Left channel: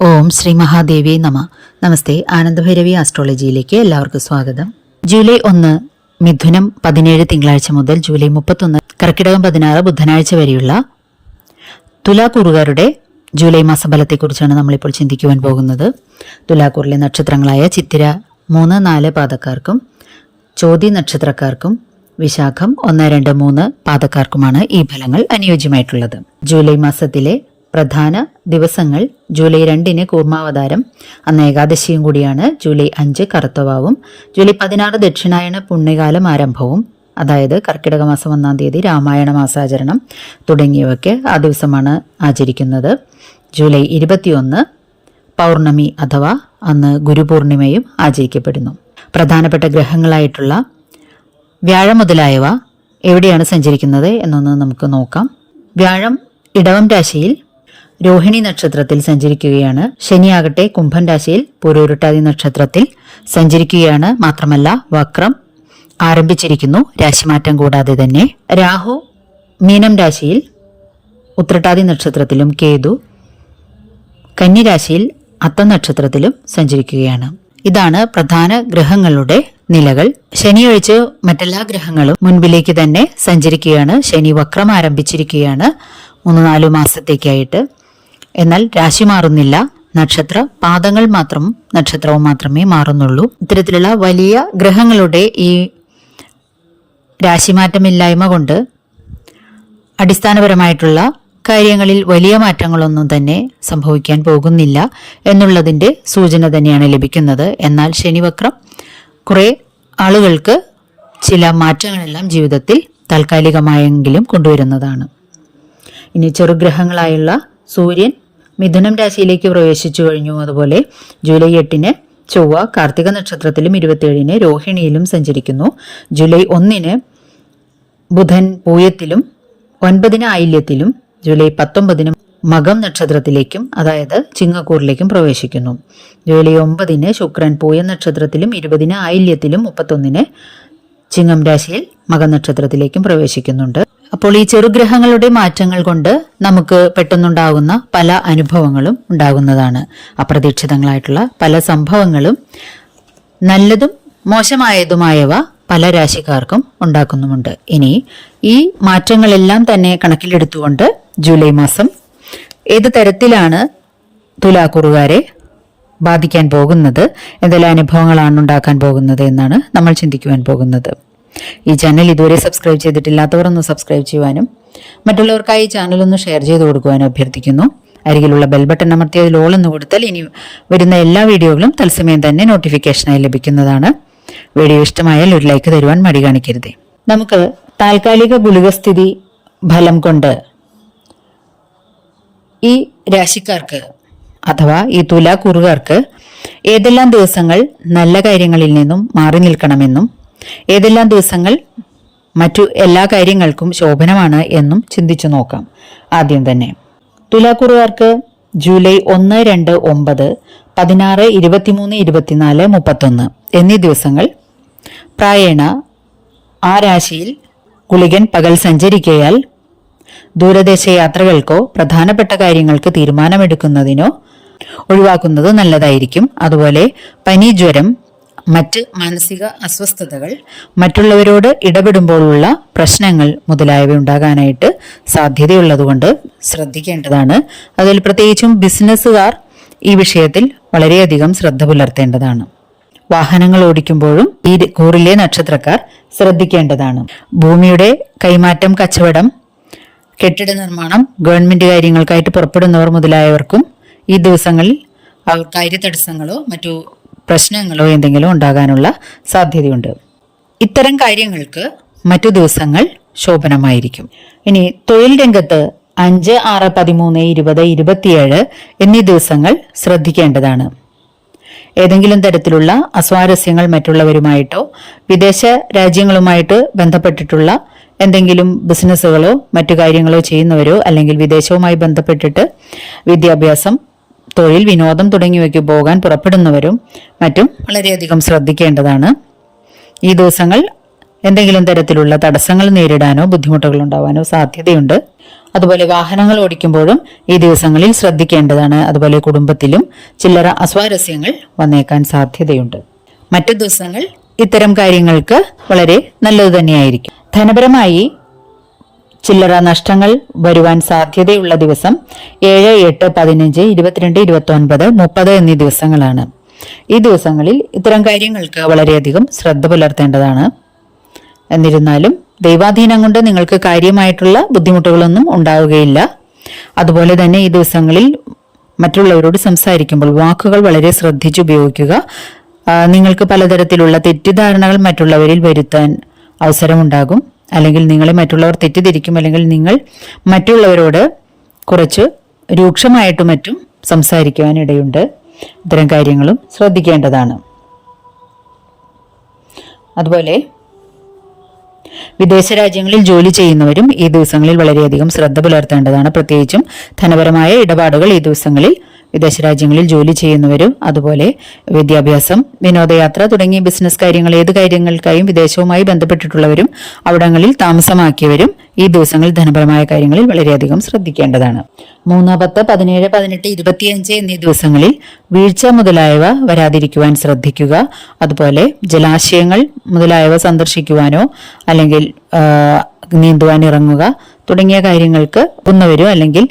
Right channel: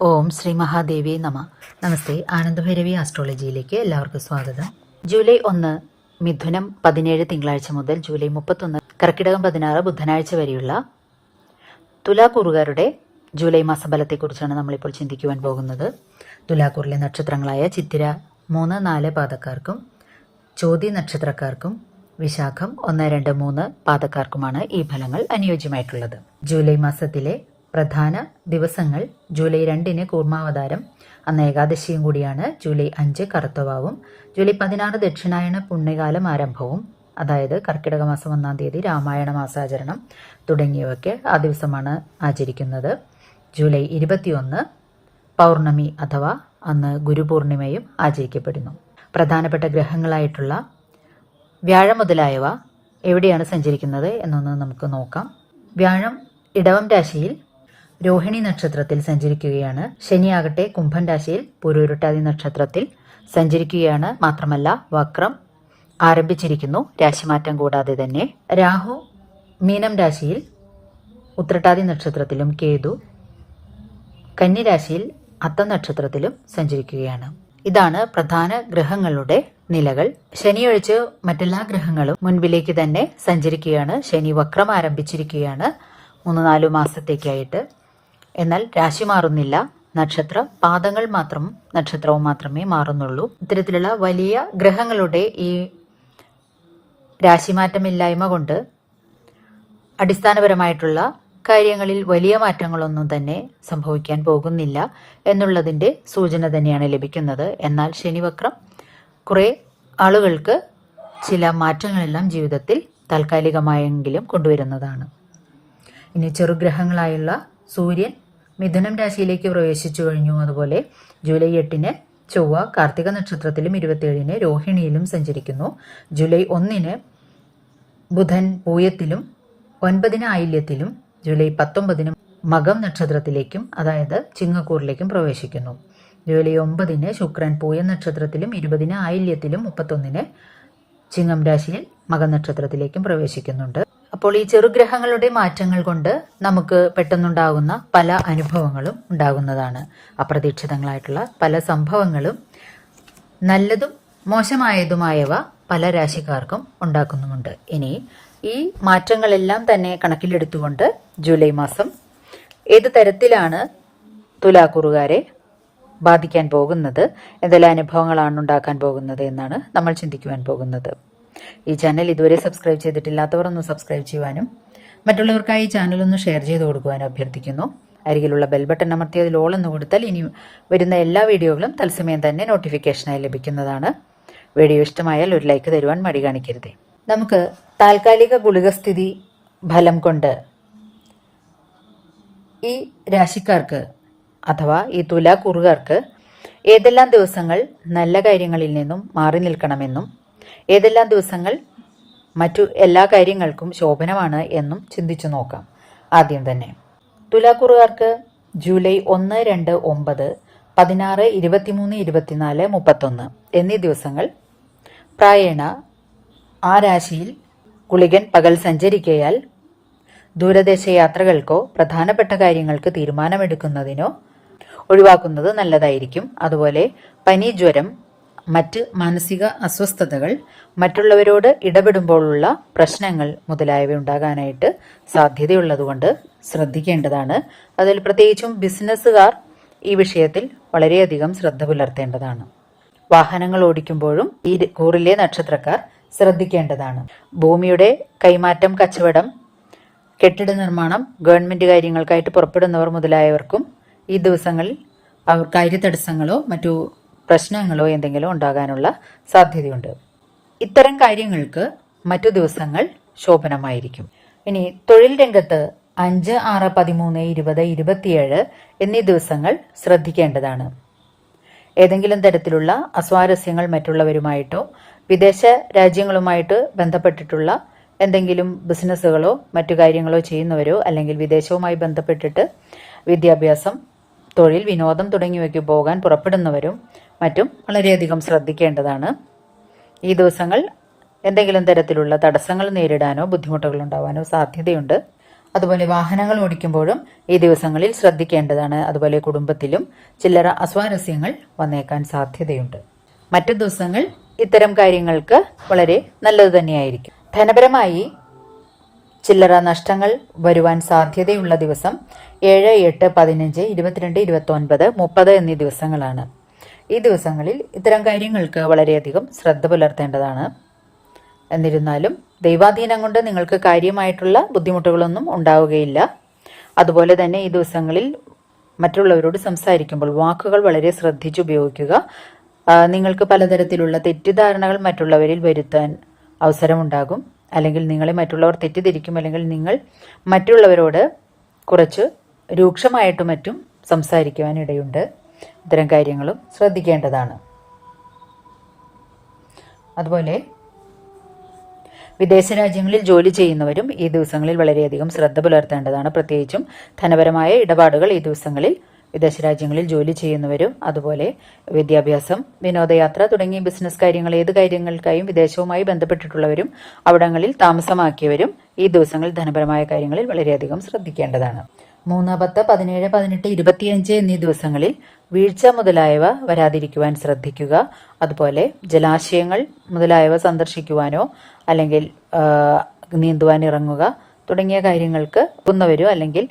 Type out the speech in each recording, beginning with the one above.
ഓം ശ്രീ മഹാദേവി നമ. നമസ്തേ. ആനന്ദഭൈരവി ആസ്ട്രോളജിയിലേക്ക് എല്ലാവർക്കും സ്വാഗതം. ജൂലൈ ഒന്ന് മിഥുനം പതിനേഴ് തിങ്കളാഴ്ച മുതൽ ജൂലൈ മുപ്പത്തൊന്ന് കർക്കിടകം പതിനാറ് ബുധനാഴ്ച വരെയുള്ള തുലാക്കൂറുകാരുടെ ജൂലൈ മാസഫലത്തെക്കുറിച്ചാണ് നമ്മളിപ്പോൾ ചിന്തിക്കുവാൻ പോകുന്നത്. തുലാക്കൂറിലെ നക്ഷത്രങ്ങളായ ചിത്തിര മൂന്ന് നാല് പാതക്കാർക്കും ചോതി നക്ഷത്രക്കാർക്കും വിശാഖം ഒന്ന് രണ്ട് മൂന്ന് പാതക്കാർക്കുമാണ് ഈ ഫലങ്ങൾ അനുയോജ്യമായിട്ടുള്ളത്. ജൂലൈ മാസത്തിലെ പ്രധാന ദിവസങ്ങൾ ജൂലൈ രണ്ടിന് കൂർമാവതാരം അന്ന് ഏകാദശിയും കൂടിയാണ് ജൂലൈ അഞ്ച് കറുത്തവാവും ജൂലൈ പതിനാറ് ദക്ഷിണായന പുണ്യകാലം ആരംഭവും അതായത് കർക്കിടക മാസം ഒന്നാം തീയതി രാമായണ മാസാചരണം തുടങ്ങിയവയ്ക്ക് ആ ദിവസമാണ് ആചരിക്കുന്നത്. ജൂലൈ ഇരുപത്തിയൊന്ന് പൗർണമി അഥവാ അന്ന് ഗുരുപൂർണിമയും ആചരിക്കപ്പെടുന്നു. പ്രധാനപ്പെട്ട ഗ്രഹങ്ങളായിട്ടുള്ള വ്യാഴം മുതലായവ എവിടെയാണ് സഞ്ചരിക്കുന്നത് എന്നൊന്ന് നമുക്ക് നോക്കാം. വ്യാഴം ഇടവം രാശിയിൽ രോഹിണി നക്ഷത്രത്തിൽ സഞ്ചരിക്കുകയാണ്. ശനിയാകട്ടെ കുംഭൻ രാശിയിൽ പൂരോരുട്ടാതി നക്ഷത്രത്തിൽ സഞ്ചരിക്കുകയാണ്. മാത്രമല്ല വക്രം ആരംഭിച്ചിരിക്കുന്നു. രാശിമാറ്റം കൂടാതെ തന്നെ രാഹു മീനം രാശിയിൽ ഉത്രട്ടാതി നക്ഷത്രത്തിലും കേതു കന്നിരാശിയിൽ അത്ത നക്ഷത്രത്തിലും സഞ്ചരിക്കുകയാണ്. ഇതാണ് പ്രധാന ഗ്രഹങ്ങളുടെ നിലകൾ. ശനിയൊഴിച്ച് മറ്റെല്ലാ ഗ്രഹങ്ങളും മുൻപിലേക്ക് തന്നെ സഞ്ചരിക്കുകയാണ്. ശനി വക്രം ആരംഭിച്ചിരിക്കുകയാണ്. മൂന്ന് നാല് മാസത്തേക്കായിട്ട്. എന്നാൽ രാശി മാറുന്നില്ല. നക്ഷത്ര പാദങ്ങൾ മാത്രം നക്ഷത്രവും മാത്രമേ മാറുന്നുള്ളൂ. ഇത്തരത്തിലുള്ള വലിയ ഗ്രഹങ്ങളുടെ ഈ രാശിമാറ്റമില്ലായ്മ കൊണ്ട് അടിസ്ഥാനപരമായിട്ടുള്ള കാര്യങ്ങളിൽ വലിയ മാറ്റങ്ങളൊന്നും തന്നെ സംഭവിക്കാൻ പോകുന്നില്ല എന്നുള്ളതിന്റെ സൂചന തന്നെയാണ് ലഭിക്കുന്നത്. എന്നാൽ ശനിവക്രം കുറെ ആളുകൾക്ക് ചില മാറ്റങ്ങളെല്ലാം ജീവിതത്തിൽ താൽക്കാലികമായെങ്കിലും കൊണ്ടുവരുന്നതാണ്. ഇനി ചെറുഗ്രഹങ്ങളായുള്ള സൂര്യൻ മിഥുനം രാശിയിലേക്ക് പ്രവേശിച്ചു കഴിഞ്ഞു. അതുപോലെ ജൂലൈ എട്ടിന് ചൊവ്വ കാർത്തിക നക്ഷത്രത്തിലും ഇരുപത്തിയേഴിന് രോഹിണിയിലും സഞ്ചരിക്കുന്നു. ജൂലൈ ഒന്നിന് ബുധൻ പൂയത്തിലും ഒൻപതിന് ആയില്യത്തിലും ജൂലൈ പത്തൊമ്പതിന് മകം നക്ഷത്രത്തിലേക്കും അതായത് ചിങ്ങക്കൂറിലേക്കും പ്രവേശിക്കുന്നു. ജൂലൈ ഒമ്പതിന് ശുക്രൻ പൂയ നക്ഷത്രത്തിലും ഇരുപതിന് ആയില്യത്തിലും മുപ്പത്തൊന്നിന് ചിങ്ങം രാശിയിൽ മകനക്ഷത്രത്തിലേക്കും പ്രവേശിക്കുന്നുണ്ട്. അപ്പോൾ ഈ ചെറുഗ്രഹങ്ങളുടെ മാറ്റങ്ങൾ കൊണ്ട് നമുക്ക് പെട്ടെന്നുണ്ടാകുന്ന പല അനുഭവങ്ങളും ഉണ്ടാകുന്നതാണ്. അപ്രതീക്ഷിതങ്ങളായിട്ടുള്ള പല സംഭവങ്ങളും നല്ലതും മോശമായതുമായവ പല രാശിക്കാർക്കും ഉണ്ടാക്കുന്നുമുണ്ട്. ഇനി ഈ മാറ്റങ്ങളെല്ലാം തന്നെ കണക്കിലെടുത്തുകൊണ്ട് ജൂലൈ മാസം ഏത് തരത്തിലാണ് തുലാക്കുറുകാരെ ബാധിക്കാൻ പോകുന്നത്? എന്തെല്ലാം അനുഭവങ്ങളാണ് ഉണ്ടാക്കാൻ പോകുന്നത് എന്നാണ് നമ്മൾ ചിന്തിക്കുവാൻ പോകുന്നത്. ഈ ചാനൽ ഇതുവരെ സബ്സ്ക്രൈബ് ചെയ്തിട്ടില്ലാത്തവർ ഒന്ന് സബ്സ്ക്രൈബ് ചെയ്യുവാനും മറ്റുള്ളവർക്കായി ചാനൽ ഒന്ന് ഷെയർ ചെയ്ത് കൊടുക്കുവാനും അഭ്യർത്ഥിക്കുന്നു. അരികിലുള്ള ബെൽ ബട്ടൺ അമർത്തി അതിൽ ഓൾ എന്ന് കൊടുത്താൽ ഇനി വരുന്ന എല്ലാ വീഡിയോകളും തത്സമയം തന്നെ നോട്ടിഫിക്കേഷനായി ലഭിക്കുന്നതാണ്. വീഡിയോ ഇഷ്ടമായാൽ ഒരു ലൈക്ക് തരുവാൻ മടി കാണിക്കരുത്. നമുക്ക് താൽക്കാലിക ഗുളികസ്ഥിതി ഫലം കൊണ്ട് ഈ രാശിക്കാർക്ക് അഥവാ ഈ തുലാക്കുറുകാർക്ക് ഏതെല്ലാം ദിവസങ്ങൾ നല്ല കാര്യങ്ങളിൽ നിന്നും മാറി നിൽക്കണമെന്നും ഏതെല്ലാം ദിവസങ്ങൾ മറ്റു എല്ലാ കാര്യങ്ങൾക്കും ശോഭനമാണ് എന്നും ചിന്തിച്ചു നോക്കാം. ആദ്യം തന്നെ തുലാക്കുറുകാർക്ക് ജൂലൈ ഒന്ന് രണ്ട് ഒമ്പത് പതിനാറ് ഇരുപത്തിമൂന്ന് ഇരുപത്തിനാല് മുപ്പത്തൊന്ന് എന്നീ ദിവസങ്ങൾ പ്രായണ ആ രാശിയിൽ ഗുളികൻ പകൽ സഞ്ചരിക്കയാൽ ദൂരദേശ യാത്രകൾക്കോ പ്രധാനപ്പെട്ട കാര്യങ്ങൾക്ക് തീരുമാനമെടുക്കുന്നതിനോ ഒഴിവാക്കുന്നത് നല്ലതായിരിക്കും. അതുപോലെ പനി ജ്വരം മറ്റ് മാനസിക അസ്വസ്ഥതകൾ മറ്റുള്ളവരോട് ഇടപെടുമ്പോഴുള്ള പ്രശ്നങ്ങൾ മുതലായവ ഉണ്ടാകാനായിട്ട് സാധ്യതയുള്ളതുകൊണ്ട് ശ്രദ്ധിക്കേണ്ടതാണ്. അതിൽ പ്രത്യേകിച്ചും ബിസിനസ്സുകാർ ഈ വിഷയത്തിൽ വളരെയധികം ശ്രദ്ധ പുലർത്തേണ്ടതാണ്. വാഹനങ്ങൾ ഓടിക്കുമ്പോഴും ഈ കൂറിലെ നക്ഷത്രക്കാർ ശ്രദ്ധിക്കേണ്ടതാണ്. ഭൂമിയുടെ കൈമാറ്റം കച്ചവടം കെട്ടിട നിർമ്മാണം ഗവൺമെന്റ് കാര്യങ്ങൾക്കായിട്ട് പുറപ്പെടുന്നവർ മുതലായവർക്കും ഈ ദിവസങ്ങളിൽ അവർ കാര്യതടസ്സങ്ങളോ മറ്റു പ്രശ്നങ്ങളോ എന്തെങ്കിലും ഉണ്ടാകാനുള്ള സാധ്യതയുണ്ട്. ഇത്തരം കാര്യങ്ങൾക്ക് മറ്റു ദിവസങ്ങൾ ശോഭനമായിരിക്കും. ഇനി തൊഴിൽ രംഗത്ത് അഞ്ച് ആറ് പതിമൂന്ന് ഇരുപത് ഇരുപത്തിയേഴ് എന്നീ ദിവസങ്ങൾ ശ്രദ്ധിക്കേണ്ടതാണ്. ഏതെങ്കിലും തരത്തിലുള്ള അസ്വാരസ്യങ്ങൾ മറ്റുള്ളവരുമായിട്ടോ വിദേശ രാജ്യങ്ങളുമായിട്ട് ബന്ധപ്പെട്ടിട്ടുള്ള എന്തെങ്കിലും ബിസിനസ്സുകളോ മറ്റു കാര്യങ്ങളോ ചെയ്യുന്നവരോ അല്ലെങ്കിൽ വിദേശവുമായി ബന്ധപ്പെട്ടിട്ട് വിദ്യാഭ്യാസം തൊഴിൽ വിനോദം തുടങ്ങിയവയ്ക്ക് പോകാൻ പുറപ്പെടുന്നവരും മറ്റും വളരെയധികം ശ്രദ്ധിക്കേണ്ടതാണ്. ഈ ദിവസങ്ങൾ എന്തെങ്കിലും തരത്തിലുള്ള തടസ്സങ്ങൾ നേരിടാനോ ബുദ്ധിമുട്ടുകൾ ഉണ്ടാവാനോ സാധ്യതയുണ്ട്. അതുപോലെ വാഹനങ്ങൾ ഓടിക്കുമ്പോഴും ഈ ദിവസങ്ങളിൽ ശ്രദ്ധിക്കേണ്ടതാണ്. അതുപോലെ കുടുംബത്തിലും ചില്ലറ അസ്വാരസ്യങ്ങൾ വന്നേക്കാൻ സാധ്യതയുണ്ട്. മറ്റു ദിവസങ്ങൾ ഇത്തരം കാര്യങ്ങൾക്ക് വളരെ നല്ലത് തന്നെയായിരിക്കും. ധനപരമായി ചില്ലറ നഷ്ടങ്ങൾ വരുവാൻ സാധ്യതയുള്ള ദിവസം ഏഴ് എട്ട് പതിനഞ്ച് ഇരുപത്തിരണ്ട് ഇരുപത്തി ഒൻപത് മുപ്പത് എന്നീ ദിവസങ്ങളാണ്. ഈ ദിവസങ്ങളിൽ ഇത്തരം കാര്യങ്ങൾക്ക് വളരെയധികം ശ്രദ്ധ പുലർത്തേണ്ടതാണ്. എന്നിരുന്നാലും ദൈവാധീനം കൊണ്ട് നിങ്ങൾക്ക് കാര്യമായിട്ടുള്ള ബുദ്ധിമുട്ടുകളൊന്നും ഉണ്ടാവുകയില്ല. അതുപോലെ തന്നെ ഈ ദിവസങ്ങളിൽ മറ്റുള്ളവരോട് സംസാരിക്കുമ്പോൾ വാക്കുകൾ വളരെ ശ്രദ്ധിച്ച് ഉപയോഗിക്കുക. നിങ്ങൾക്ക് പലതരത്തിലുള്ള തെറ്റിദ്ധാരണകൾ മറ്റുള്ളവരിൽ വരുത്താൻ അവസരമുണ്ടാകും. അല്ലെങ്കിൽ നിങ്ങളെ മറ്റുള്ളവർ തെറ്റിദ്ധരിക്കും അല്ലെങ്കിൽ നിങ്ങൾ മറ്റുള്ളവരോട് കുറച്ച് രൂക്ഷമായിട്ടും മറ്റും സംസാരിക്കുവാനിടയുണ്ട് ഇത്തരം കാര്യങ്ങളും ശ്രദ്ധിക്കേണ്ടതാണ്. അതുപോലെ വിദേശ രാജ്യങ്ങളിൽ ജോലി ചെയ്യുന്നവരും ഈ ദിവസങ്ങളിൽ വളരെയധികം ശ്രദ്ധ പുലർത്തേണ്ടതാണ്. പ്രത്യേകിച്ചും ധനപരമായ ഇടപാടുകൾ ഈ ദിവസങ്ങളിൽ വിദേശ രാജ്യങ്ങളിൽ ജോലി ചെയ്യുന്നവരും അതുപോലെ വിദ്യാഭ്യാസം വിനോദയാത്ര തുടങ്ങിയ ബിസിനസ് കാര്യങ്ങൾ ഏത് കാര്യങ്ങൾക്കായും വിദേശവുമായി ബന്ധപ്പെട്ടിട്ടുള്ളവരും അവിടങ്ങളിൽ താമസമാക്കിയവരും ഈ ദിവസങ്ങളിൽ ധനപരമായ കാര്യങ്ങളിൽ വളരെയധികം ശ്രദ്ധിക്കേണ്ടതാണ്. മൂന്ന് പത്ത് പതിനേഴ് പതിനെട്ട് ഇരുപത്തിയഞ്ച് എന്നീ ദിവസങ്ങളിൽ വീഴ്ച മുതലായവ വരാതിരിക്കുവാൻ ശ്രദ്ധിക്കുക. അതുപോലെ ജലാശയങ്ങൾ മുതലായവ സന്ദർശിക്കുവാനോ അല്ലെങ്കിൽ നീന്തുവാൻ ഇറങ്ങുക. തുടങ്ങിയ കാര്യങ്ങൾക്ക് ഒന്നവരും അല്ലെങ്കിൽ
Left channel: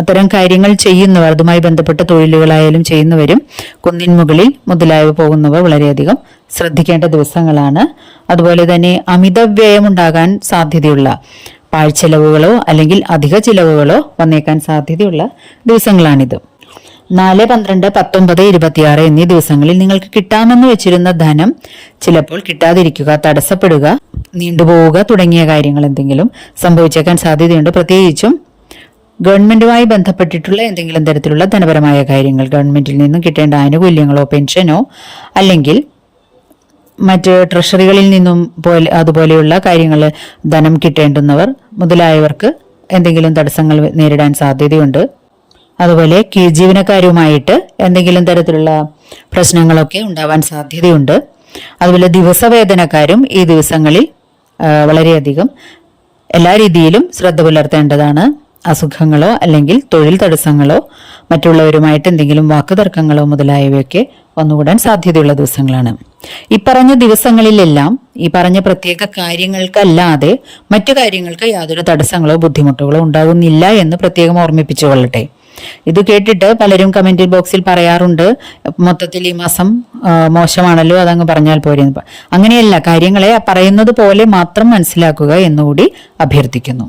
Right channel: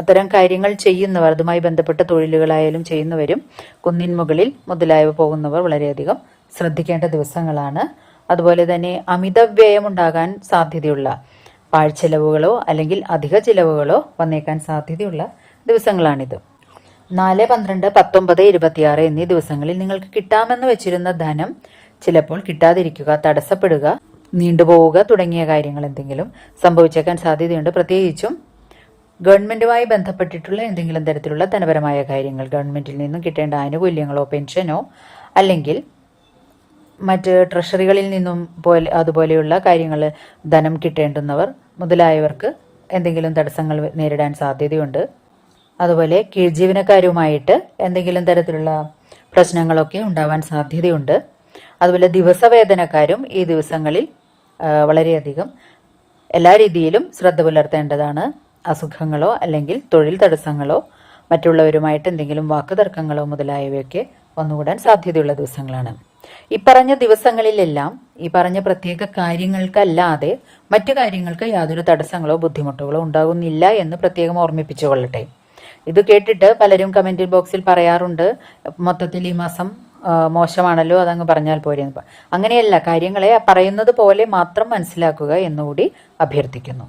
അത്തരം കാര്യങ്ങൾ ചെയ്യുന്നവർ അതുമായി ബന്ധപ്പെട്ട തൊഴിലുകളായാലും ചെയ്യുന്നവരും കുന്നിൻ മുകളിൽ മുതലായവ പോകുന്നവർ വളരെയധികം ശ്രദ്ധിക്കേണ്ട ദിവസങ്ങളാണ്. അതുപോലെ തന്നെ അമിത വ്യയമുണ്ടാകാൻ സാധ്യതയുള്ള പാഴ്ചെലവുകളോ അല്ലെങ്കിൽ അധിക ചിലവുകളോ വന്നേക്കാൻ സാധ്യതയുള്ള ദിവസങ്ങളാണിത്. നാല് പന്ത്രണ്ട് പത്തൊമ്പത് ഇരുപത്തിയാറ് എന്നീ ദിവസങ്ങളിൽ നിങ്ങൾക്ക് കിട്ടാമെന്ന് വെച്ചിരുന്ന ധനം ചിലപ്പോൾ കിട്ടാതിരിക്കുക തടസ്സപ്പെടുക നീണ്ടുപോവുക തുടങ്ങിയ കാര്യങ്ങൾ എന്തെങ്കിലും സംഭവിച്ചേക്കാൻ സാധ്യതയുണ്ട്. പ്രത്യേകിച്ചും ഗവൺമെന്റുമായി ബന്ധപ്പെട്ടിട്ടുള്ള എന്തെങ്കിലും തരത്തിലുള്ള ധനപരമായ കാര്യങ്ങൾ ഗവൺമെന്റിൽ നിന്നും കിട്ടേണ്ട ആനുകൂല്യങ്ങളോ പെൻഷനോ അല്ലെങ്കിൽ മറ്റ് ട്രഷറികളിൽ നിന്നും പോലെ അതുപോലെയുള്ള കാര്യങ്ങൾ ധനം കിട്ടേണ്ടുന്നവർ മുതലായവർക്ക് എന്തെങ്കിലും തടസ്സങ്ങൾ നേരിടാൻ സാധ്യതയുണ്ട്. അതുപോലെ കീഴ്ജീവനക്കാരുമായിട്ട് എന്തെങ്കിലും തരത്തിലുള്ള പ്രശ്നങ്ങളൊക്കെ ഉണ്ടാവാൻ സാധ്യതയുണ്ട്. അതുപോലെ ദിവസവേതനക്കാരും ഈ ദിവസങ്ങളിൽ വളരെയധികം എല്ലാ രീതിയിലും ശ്രദ്ധ പുലർത്തേണ്ടതാണ്. അസുഖങ്ങളോ അല്ലെങ്കിൽ തൊഴിൽ തടസ്സങ്ങളോ മറ്റുള്ളവരുമായിട്ട് എന്തെങ്കിലും വാക്കുതർക്കങ്ങളോ മുതലായവയൊക്കെ വന്നുകൂടാൻ സാധ്യതയുള്ള ദിവസങ്ങളാണ്. ഈ പറഞ്ഞ ദിവസങ്ങളിലെല്ലാം ഈ പറഞ്ഞ പ്രത്യേക കാര്യങ്ങൾക്കല്ലാതെ മറ്റു കാര്യങ്ങൾക്ക് യാതൊരു തടസ്സങ്ങളോ ബുദ്ധിമുട്ടുകളോ ഉണ്ടാകുന്നില്ല എന്ന് പ്രത്യേകം ഓർമ്മിപ്പിച്ചു കൊള്ളട്ടെ. ഇത് കേട്ടിട്ട് പലരും കമന്റ് ബോക്സിൽ പറയാറുണ്ട് മൊത്തത്തിൽ ഈ മാസം മോശമാണല്ലോ അതങ്ങ് പറഞ്ഞാൽ പോരെ അങ്ങനെയല്ല കാര്യങ്ങളെ പറയുന്നത് പോലെ മാത്രം മനസ്സിലാക്കുക എന്നുകൂടി അഭ്യർത്ഥിക്കുന്നു.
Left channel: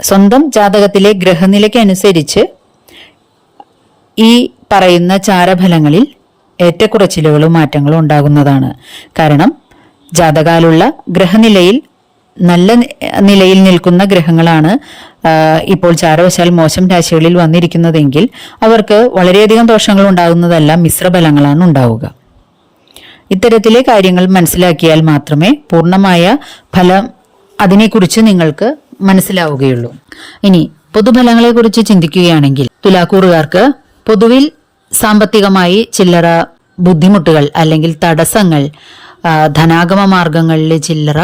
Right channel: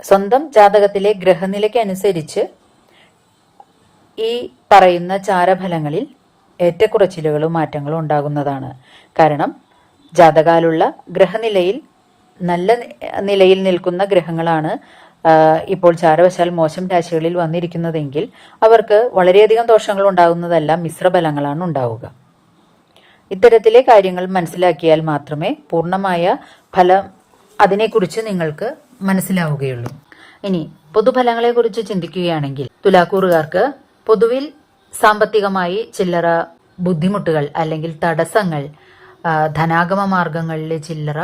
സ്വന്തം ജാതകത്തിലെ ഗ്രഹനിലയ്ക്ക് അനുസരിച്ച് ഈ പറയുന്ന ചാരഫലങ്ങളിൽ ഏറ്റക്കുറച്ചിലുകളും മാറ്റങ്ങളും ഉണ്ടാകുന്നതാണ്. കാരണം ജാതകാലുള്ള ഗ്രഹനിലയിൽ നല്ല നിലയിൽ നിൽക്കുന്ന ഗ്രഹങ്ങളാണ് ഇപ്പോൾ ചാരവശാൽ മോശം രാശികളിൽ വന്നിരിക്കുന്നതെങ്കിൽ അവർക്ക് വളരെയധികം ദോഷങ്ങൾ ഉണ്ടാകുന്നതല്ല മിശ്രബലങ്ങളാണ് ഉണ്ടാവുക. ഇത്തരത്തിലെ കാര്യങ്ങൾ മനസ്സിലാക്കിയാൽ മാത്രമേ പൂർണമായ ഫലം അതിനെക്കുറിച്ച് നിങ്ങൾക്ക് മനസ്സിലാവുകയുള്ളൂ. ഇനി പൊതുഫലങ്ങളെക്കുറിച്ച് ചിന്തിക്കുകയാണെങ്കിൽ തുലാക്കൂറുകാർക്ക് പൊതുവിൽ സാമ്പത്തികമായി ചില്ലറ ബുദ്ധിമുട്ടുകൾ അല്ലെങ്കിൽ തടസ്സങ്ങൾ ധനാഗമ മാർഗങ്ങളിലെ ചില്ലറ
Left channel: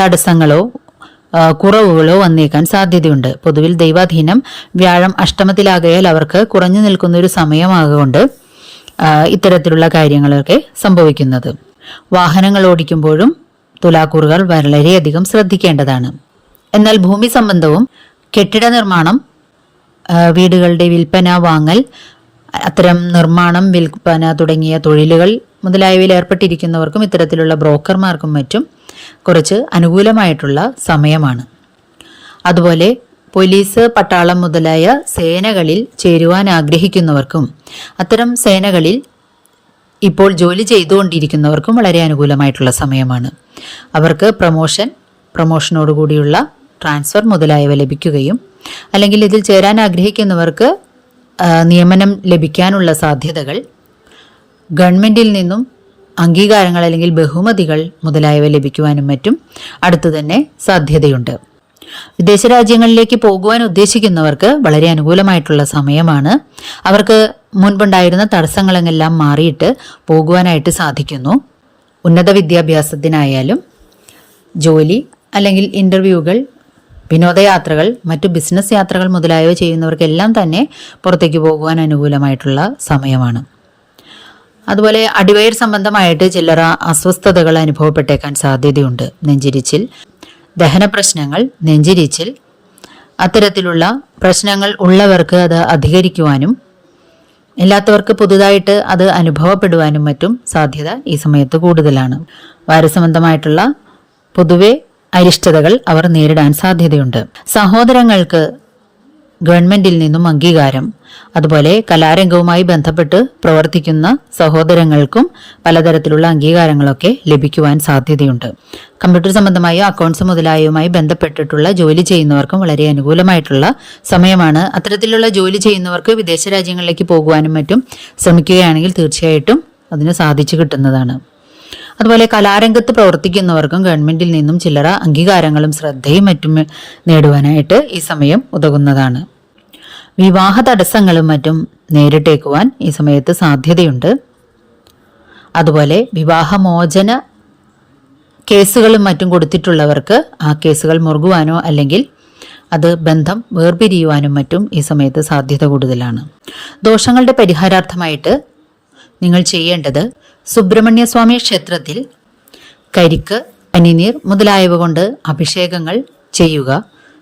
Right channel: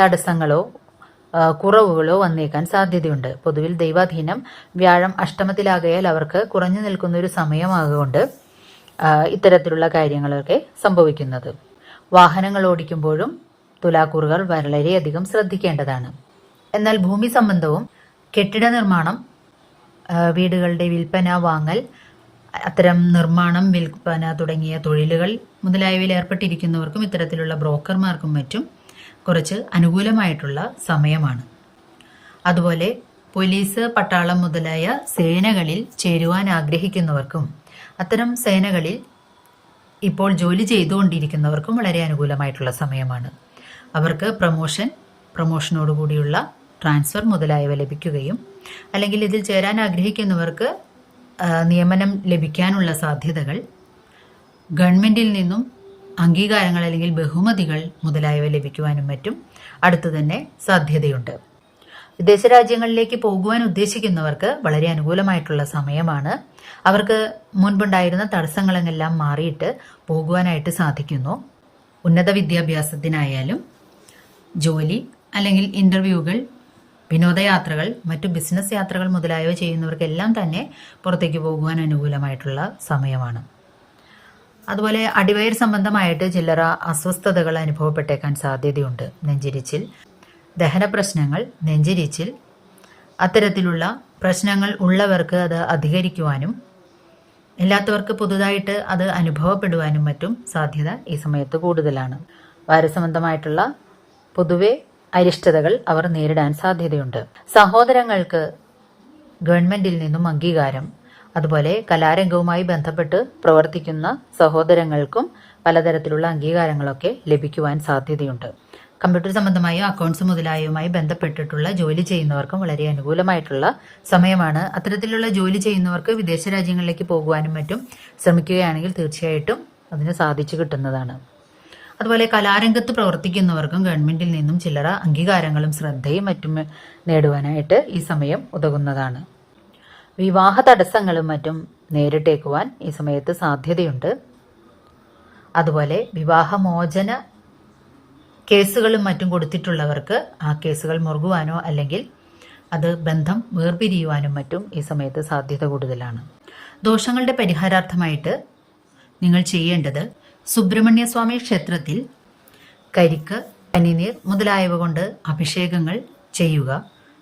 തടസ്സങ്ങളോ കുറവുകളോ വന്നേക്കാൻ സാധ്യതയുണ്ട്. പൊതുവിൽ ദൈവാധീനം വ്യാഴം അഷ്ടമത്തിലാകയാൽ അവർക്ക് കുറഞ്ഞു നിൽക്കുന്ന ഒരു സമയമാകൊണ്ട് ഇത്തരത്തിലുള്ള കാര്യങ്ങളൊക്കെ സംഭവിക്കുന്നത്. വാഹനങ്ങൾ ഓടിക്കുമ്പോഴും തുലാക്കൂറുകൾ വളരെയധികം ശ്രദ്ധിക്കേണ്ടതാണ്. എന്നാൽ ഭൂമി സംബന്ധവും കെട്ടിട നിർമ്മാണം വീടുകളുടെ വിൽപ്പന വാങ്ങൽ അത്തരം നിർമ്മാണം വിൽപ്പന തുടങ്ങിയ തൊഴിലുകൾ മുതലായവയിൽ ഏർപ്പെട്ടിരിക്കുന്നവർക്കും ഇത്തരത്തിലുള്ള ബ്രോക്കർമാർക്കും മറ്റും കുറച്ച് അനുകൂലമായിട്ടുള്ള സമയമാണ്. അതുപോലെ പോലീസ് പട്ടാളം മുതലായ സേനകളിൽ ചേരുവാൻ ആഗ്രഹിക്കുന്നവർക്കും അത്തരം സേനകളിൽ ഇപ്പോൾ ജോലി ചെയ്തുകൊണ്ടിരിക്കുന്നവർക്കും വളരെ അനുകൂലമായിട്ടുള്ള സമയമാണ്. അവർക്ക് പ്രമോഷൻ പ്രമോഷനോടുകൂടിയുള്ള ട്രാൻസ്ഫർ മുതലായവ ലഭിക്കുകയും അല്ലെങ്കിൽ ഇതിൽ ചേരാൻ ആഗ്രഹിക്കുന്നവർക്ക് നിയമനം ലഭിക്കാനുള്ള സാധ്യതകൾ ഗവൺമെന്റിൽ നിന്നും അംഗീകാരങ്ങൾ അല്ലെങ്കിൽ ബഹുമതികൾ മുതലായവ ലഭിക്കുവാനും മറ്റും അടുത്തു തന്നെ സാധ്യതയുണ്ട്. വിദേശ രാജ്യങ്ങളിലേക്ക് പോകുവാൻ ഉദ്ദേശിക്കുന്നവർക്ക് വളരെ അനുകൂലമായിട്ടുള്ള സമയമാണ്. അവർക്ക് മുൻപുണ്ടായിരുന്ന തടസ്സങ്ങളെല്ലാം മാറിയിട്ട് പോകുവാനായിട്ട് സാധിക്കുന്നു. ഉന്നത വിദ്യാഭ്യാസത്തിനായാലും ജോലി അല്ലെങ്കിൽ ഇന്റർവ്യൂകൾ വിനോദയാത്രകൾ മറ്റു ബിസിനസ് യാത്രകൾ മുതലായവ ചെയ്യുന്നവർക്കെല്ലാം തന്നെ പുറത്തേക്ക് പോകുവാൻ അനുകൂലമായിട്ടുള്ള സമയമാണ്. അതുപോലെ അടിവയർ സംബന്ധമായിട്ട് ചില്ലറ അസ്വസ്ഥതകൾ അനുഭവപ്പെട്ടേക്കാൻ സാധ്യതയുണ്ട്. നെഞ്ചിരിച്ചിൽ. ദഹന പ്രശ്നങ്ങൾ നെഞ്ചിരിച്ചിൽ. അത്തരത്തിലുള്ള പ്രശ്നങ്ങൾ ഉള്ളവർക്ക് അത് അധികരിക്കുവാനും ഇല്ലാത്തവർക്ക് പുതുതായിട്ട് അത് അനുഭവപ്പെടുവാനും മറ്റും സാധ്യത ഈ സമയത്ത് കൂടുതലാണ്. വാരസംബന്ധമായിട്ടുള്ള പൊതുവെ അരിഷ്ടതകൾ അവർ നേരിടാൻ സാധ്യതയുണ്ട്. സഹോദരങ്ങൾക്ക് ഗവൺമെന്റിൽ നിന്നും അംഗീകാരം. അതുപോലെ കലാരംഗവുമായി ബന്ധപ്പെട്ട് പ്രവർത്തിക്കുന്ന സഹോദരങ്ങൾക്കും പലതരത്തിലുള്ള അംഗീകാരങ്ങളൊക്കെ ലഭിക്കുവാൻ സാധ്യതയുണ്ട്. കമ്പ്യൂട്ടർ സംബന്ധമായ അക്കൗണ്ട്സ് മുതലായവുമായി ബന്ധപ്പെട്ടിട്ടുള്ള ജോലി ചെയ്യുന്നവർക്കും വളരെ അനുകൂലമായിട്ടുള്ള സമയമാണ്. അത്തരത്തിലുള്ള ജോലി ചെയ്യുന്നവർക്ക് വിദേശ രാജ്യങ്ങളിലേക്ക് പോകുവാനും മറ്റും ശ്രമിക്കുകയാണെങ്കിൽ തീർച്ചയായിട്ടും അതിന് സാധിച്ചു കിട്ടുന്നതാണ്. അതുപോലെ കലാരംഗത്ത് പ്രവർത്തിക്കുന്നവർക്കും ഗവൺമെന്റിൽ നിന്നും ചില്ലറ അംഗീകാരങ്ങളും ശ്രദ്ധയും മറ്റും നേടുവാനായിട്ട് ഈ സമയം ഉതകുന്നതാണ്. വിവാഹ തടസ്സങ്ങളും മറ്റും നേരിട്ടേക്കുവാൻ ഈ സമയത്ത് സാധ്യതയുണ്ട്. അതുപോലെ വിവാഹമോചന കേസുകളും മറ്റും കൊടുത്തിട്ടുള്ളവർക്ക് ആ കേസുകൾ മുറുകുവാനോ അല്ലെങ്കിൽ അത് ബന്ധം വേർപിരിയുവാനും മറ്റും ഈ സമയത്ത് സാധ്യത കൂടുതലാണ്. ദോഷങ്ങളുടെ പരിഹാരാർത്ഥമായിട്ട് നിങ്ങൾ ചെയ്യേണ്ടത് സുബ്രഹ്മണ്യസ്വാമി ക്ഷേത്രത്തിൽ കരിക്ക് പനിനീർ മുതലായവ കൊണ്ട് അഭിഷേകങ്ങൾ ചെയ്യുക.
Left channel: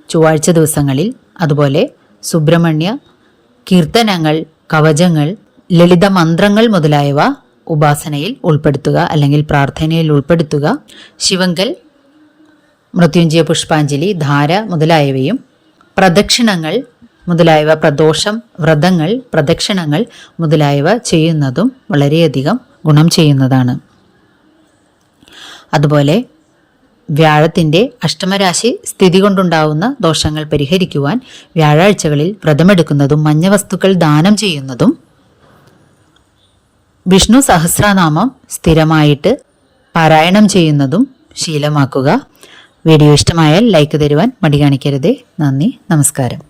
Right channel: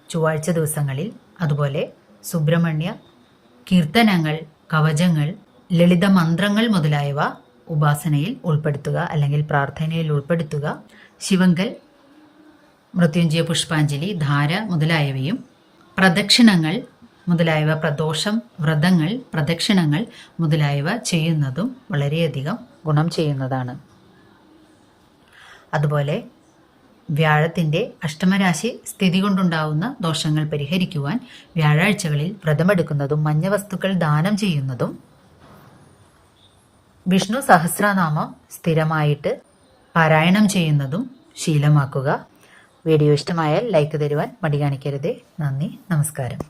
ചൊവ്വാഴ്ച ദിവസങ്ങളിൽ അതുപോലെ സുബ്രഹ്മണ്യ കീർത്തനങ്ങൾ കവചങ്ങൾ ലളിത മന്ത്രങ്ങൾ മുതലായവ ഉപാസനയിൽ ഉൾപ്പെടുത്തുക അല്ലെങ്കിൽ പ്രാർത്ഥനയിൽ ഉൾപ്പെടുത്തുക. ശിവങ്കൽ മൃത്യുഞ്ജയ പുഷ്പാഞ്ജലി ധാര മുതലായവയും പ്രദക്ഷിണങ്ങൾ മുതലായവ പ്രദോഷം വ്രതങ്ങൾ പ്രദക്ഷിണങ്ങൾ മുതലായവ ചെയ്യുന്നതും വളരെയധികം ഗുണം ചെയ്യുന്നതാണ്. അതുപോലെ വ്യാഴത്തിന്റെ അഷ്ടമരാശി സ്ഥിതി കൊണ്ടുണ്ടാവുന്ന ദോഷങ്ങൾ പരിഹരിക്കുവാൻ വ്യാഴാഴ്ചകളിൽ വ്രതമെടുക്കുന്നതും മഞ്ഞ വസ്തുക്കൾ ദാനം ചെയ്യുന്നതും വിഷ്ണു സഹസ്രനാമം സ്ഥിരമായിട്ട് പാരായണം ചെയ്യുന്നതും ശീലമാക്കുക. വീഡിയോ ഇഷ്ടമായാൽ ലൈക്ക് തരുവാൻ മടി കാണിക്കരുതേ. നന്ദി. നമസ്കാരം.